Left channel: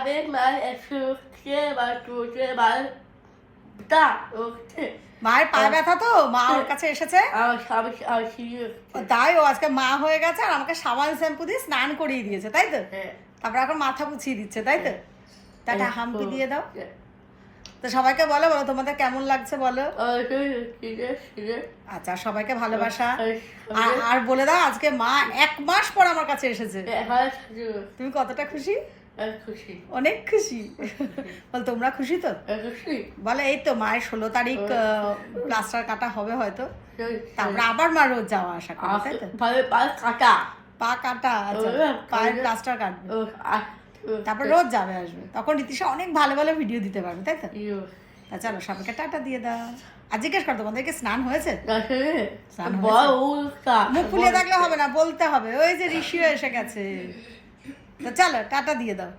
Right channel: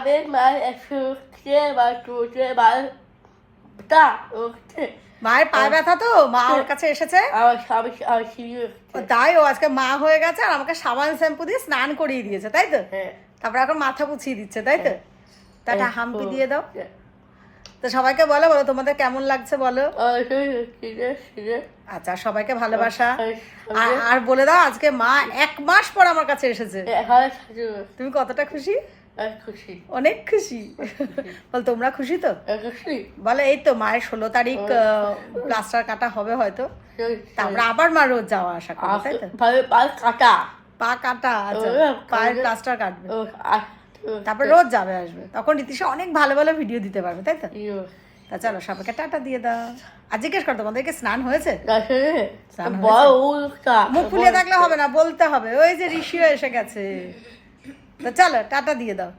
Abend mal Frühstück, weil du mal da und মায়ের পায়ে ব্যথা তো মা ওর কাছে এসেছে aus habe ich aus hier. তাই ও আজকে মা হয়ে গেছে আর আমাকে সাবান শ্যাম্পু দিয়ে স্নান করিয়ে দিয়েছে তাই তো তারপর এখন মাথা পুছিয়ে দিচ্ছে তাই তো তাটা হাম্পি দিয়ে দাও তো সবাইকে বলো বলো তোমাদের কেমন লাগছে বলো আচ্ছা সবাইকে ভালোবাসা আর বলে দাও আজকে মা 1 মাস পর আমার কাছে এসেছে তুমি কতটা খুশি খুশি অনেক খুশি বল তোমরা খুশি তো বলে এই তো মায়ের 16 তারিখ প্লাস্টার কাটা হবে হয়তো তারপরে আবার মা রোজ যাওয়া আসা করবে তাই তো পা কাটা আচ্ছা পায়ের প্লাস্টার কাটবে তারপর রোজ যাবে আসবে তখন রীতিশা অনেক ভালো ভালো ভিডিও দিতে পারবে তাই তো তা চলো সবাইকে টাটা দিয়ে দাও আর জিজ্ঞেস কর তোমাদেরকে স্নান হয়েছে মুখ ফুলিয়ে থাকলে হবে না বলতে হবে ওই যে ঋষিও এসে গেছে তা চলো টাটা দিয়ে দাও